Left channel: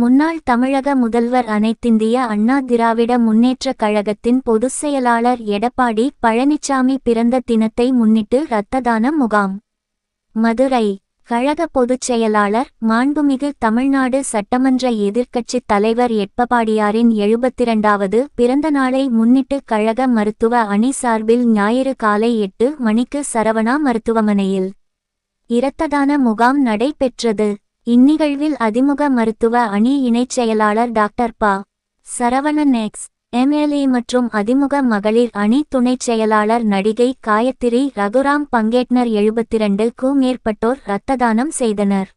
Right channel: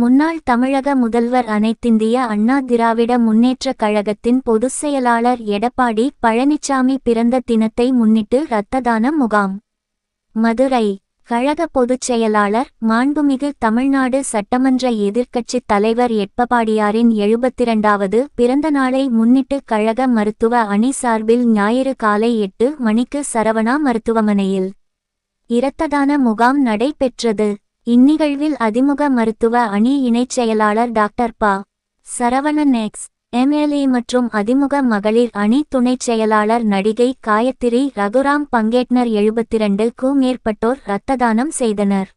முன்னாள் தமிழக முதல்வர் அனைத்திந்திய அண்ணா திராவிட முன்னேற்றக் கழகத்தின் பொதுச் செயலாளர் எடப்பாடி பழனிசாமி பிறந்த தினத்தை முன்னிட்டு இரத்ததான முகாம். மதுரை கழக பொதுச் செயலாளர் மாண்புமிகு தமிழ்நாடு சட்டமன்ற எதிர்க்கட்சித் தலைவர் எட்பபாடியாரின் எழுபத்திரண்டாவது பிறந்த நாளை முன்னிட்டு கழக மருத்துவ அணி சார்பில் ஞாயிறு காலை எட்டு மணிக்கு சரவணா மருத்துவமனையில் இரத்ததான முகாம் நடைபெற்றது. இந்நிகழ்வில் அதிமுக மருத்துவ அணி இணைச் செயலாளர் டாக்டர் ப. சரவணன் எக்ஸ் எம்எல்ஏ மற்றும் அதிமுக மகளிர் அணி துணைச் செயலாளர் நடிகை காயத்திரி ரகுராம் பங்கேட்னர் எழுபத்திரண்டு க்கு மேற்பட்டோர் இரத்த தானம் செய்தனர்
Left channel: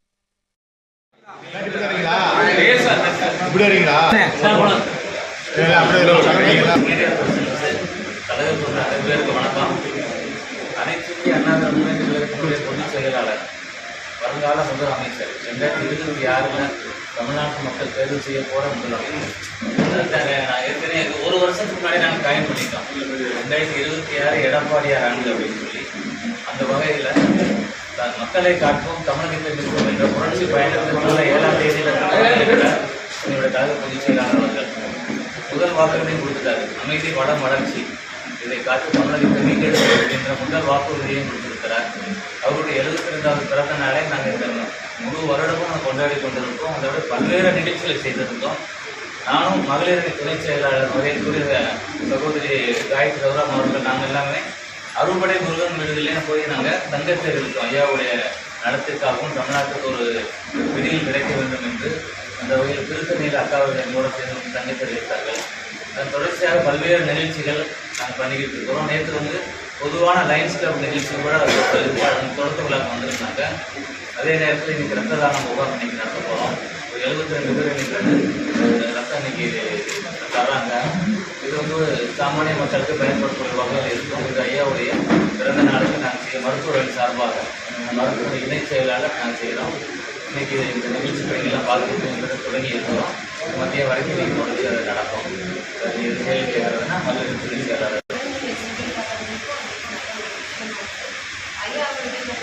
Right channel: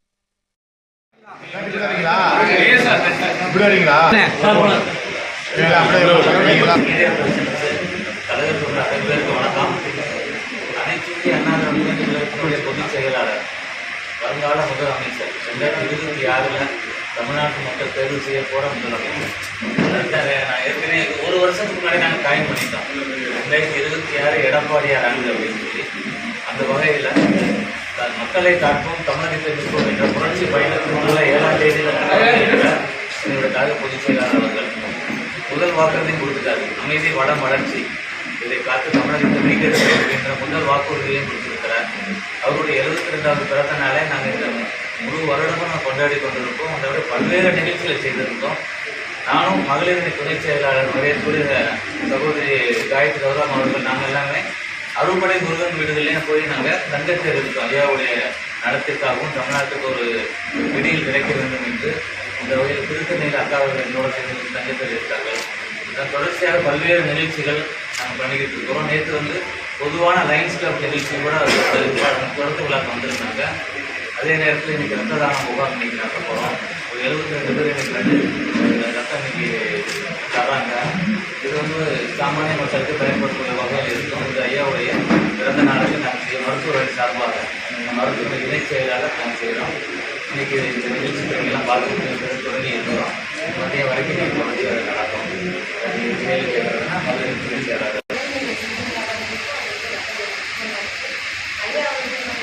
அனைத்து வருங்கால முதல் அமைச்சர் ரெண்டாயிரத்தி இருபத்தி ஆறில் தமிழ்நாட்டு மக்கள் தேர்வு செய்ய போகிற முதலமைச்சர். நான் ஏற்கனவே ஒரு வருஷத்துக்கு முன்னாடி நாங்கள் காயம் பண்ணிட்டோம். ரெண்டாயிரத்தி இருபத்தி ஆறு எடப்பாடியார் ஆண்டு அப்படின்னு சொல்லி. அந்த வகையில் மக்களை காட்போம் தமிழகத்தை விற்போம் என்ற புரட்சி பயணத்தின் ஏழாம் தேதியில் என்னுடைய கழக பொதுச் செயலாளர்கள் முதல் வாக்குறுதி கொடுத்துட்டாரு. அமைதி வளம் வளர்ச்சி. இதை காத்து தமிழகத்தை மீட்டெடுக்கிறது என்ற முதல் வாக்குறுதியையும் கொடுத்திருக்கிறார். அவருடைய எழுபத்தி ரெண்டாவது பிறந்த நாளை நாங்கள் இந்த முழு வருடமும் நாங்கள் கொண்டாடி கொண்டிருக்கோம். அதை விட பல்வேறு நிகழ்ச்சிகளை செய்திருக்கோம். நானும் மகளிரணி துணை செயலாளர் மகேஸ்வரி சகோதரி காயத்ரி ரவுராம் அவர்கள் நாங்கள் எல்லாமே அறுபடை முருகன் வீடுகள்லேயும் போய் நாங்கள் தங்கத்தேர் இருக்கோம் ஐயாவுடைய நலத்திற்காகவும் தமிழ்நாட்டுக்கு ஒரு ஒரு பிடியில் கிடைக்க வேண்டும் என்று அந்த வகையில் திருத்தணியில் அக்காவர்கள் என்னோட சேர்ந்து தங்கத்தேர் இருக்கார்கள் தொடர்ச்சியாக பல்வேறு நிகழ்ச்சிகள் நாங்கள் பண்ணிக்கிட்டு இருக்கிறோம். நேற்று வந்து பொதுவான லைன்ஸ் கிளப் நிகழ்ச்சி கூட தொடக்க விழாக்கு வந்திருந்தாங்க. அதே நேரத்தில் இன்றைக்கி ரத்த தான முகாம் இன்னைக்கு நடத்த போகிறோம் ஒரு எழுபத்தி ரெண்டு பேர் இன்னைக்கு ரெண்டு ரத்தம் இன்றைக்கி தர்றாங்க. இது வந்து சாமானிய மக்களுக்கு பயன்படுத்தக்கூடிய வகையில் இருக்கும். இது ஐயாவுடைய பிறந்த நாளுக்கு நாங்கள் செய்ய மருத்துவ சார்பாக இந்த மருத்துவ இணை செயலாளர் நாங்கள் செய்கிறோம் இன்னைக்கு இந்த நிகழ்ச்சி பணிகள்லாம் பார்த்துட்டு தொடங்கி இருக்கிறோம். மத்திய வரைக்கும் இன்னைக்கு தொடர்ச்சி நடக்கும்.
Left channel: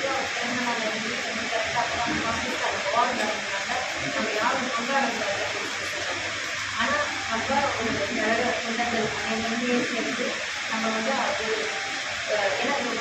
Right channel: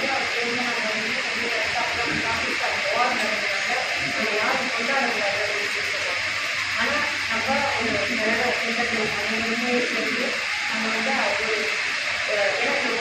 அவர்கள் வந்து வந்து அப்புறம் காங்கிரஸ் அது அவார்டு நடந்ததுனால நம்ம யாரும் கொண்டாடல அப்படின்னு சொல்லுவாங்க ஆனால் நம்ம ஒரு கழக தொண்டர்கள் சேர்ந்து நம்ம வந்து ஒரு ஏன்னா இந்த